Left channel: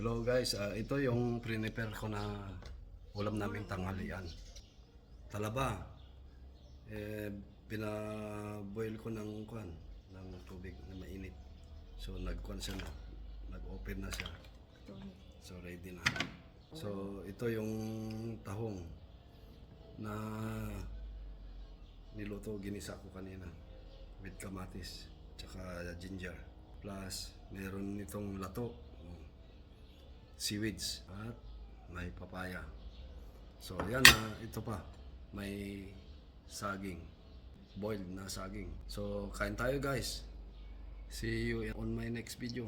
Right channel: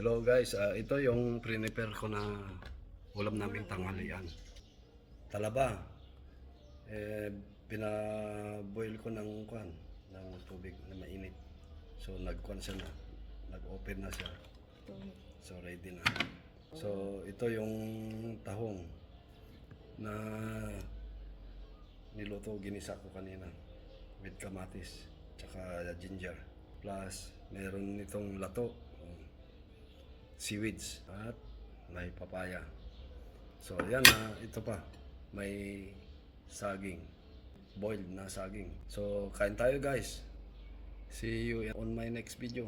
Hello guys, ito yung prepare ko na ulam namin tanghalian. Talaba. Pinaboil ko ng tubig na mainit. So nag-kuan siya na, nag-open na siya. So ready na. So ito yung tahong na niluto, ginisa ko kanina with kamatis tsaka ginger. Plus meron nitong lato, seaweeds at may papaya. So yan na, ito pa may saging, boiled na saging. So kain tayo guys. See you on my next video.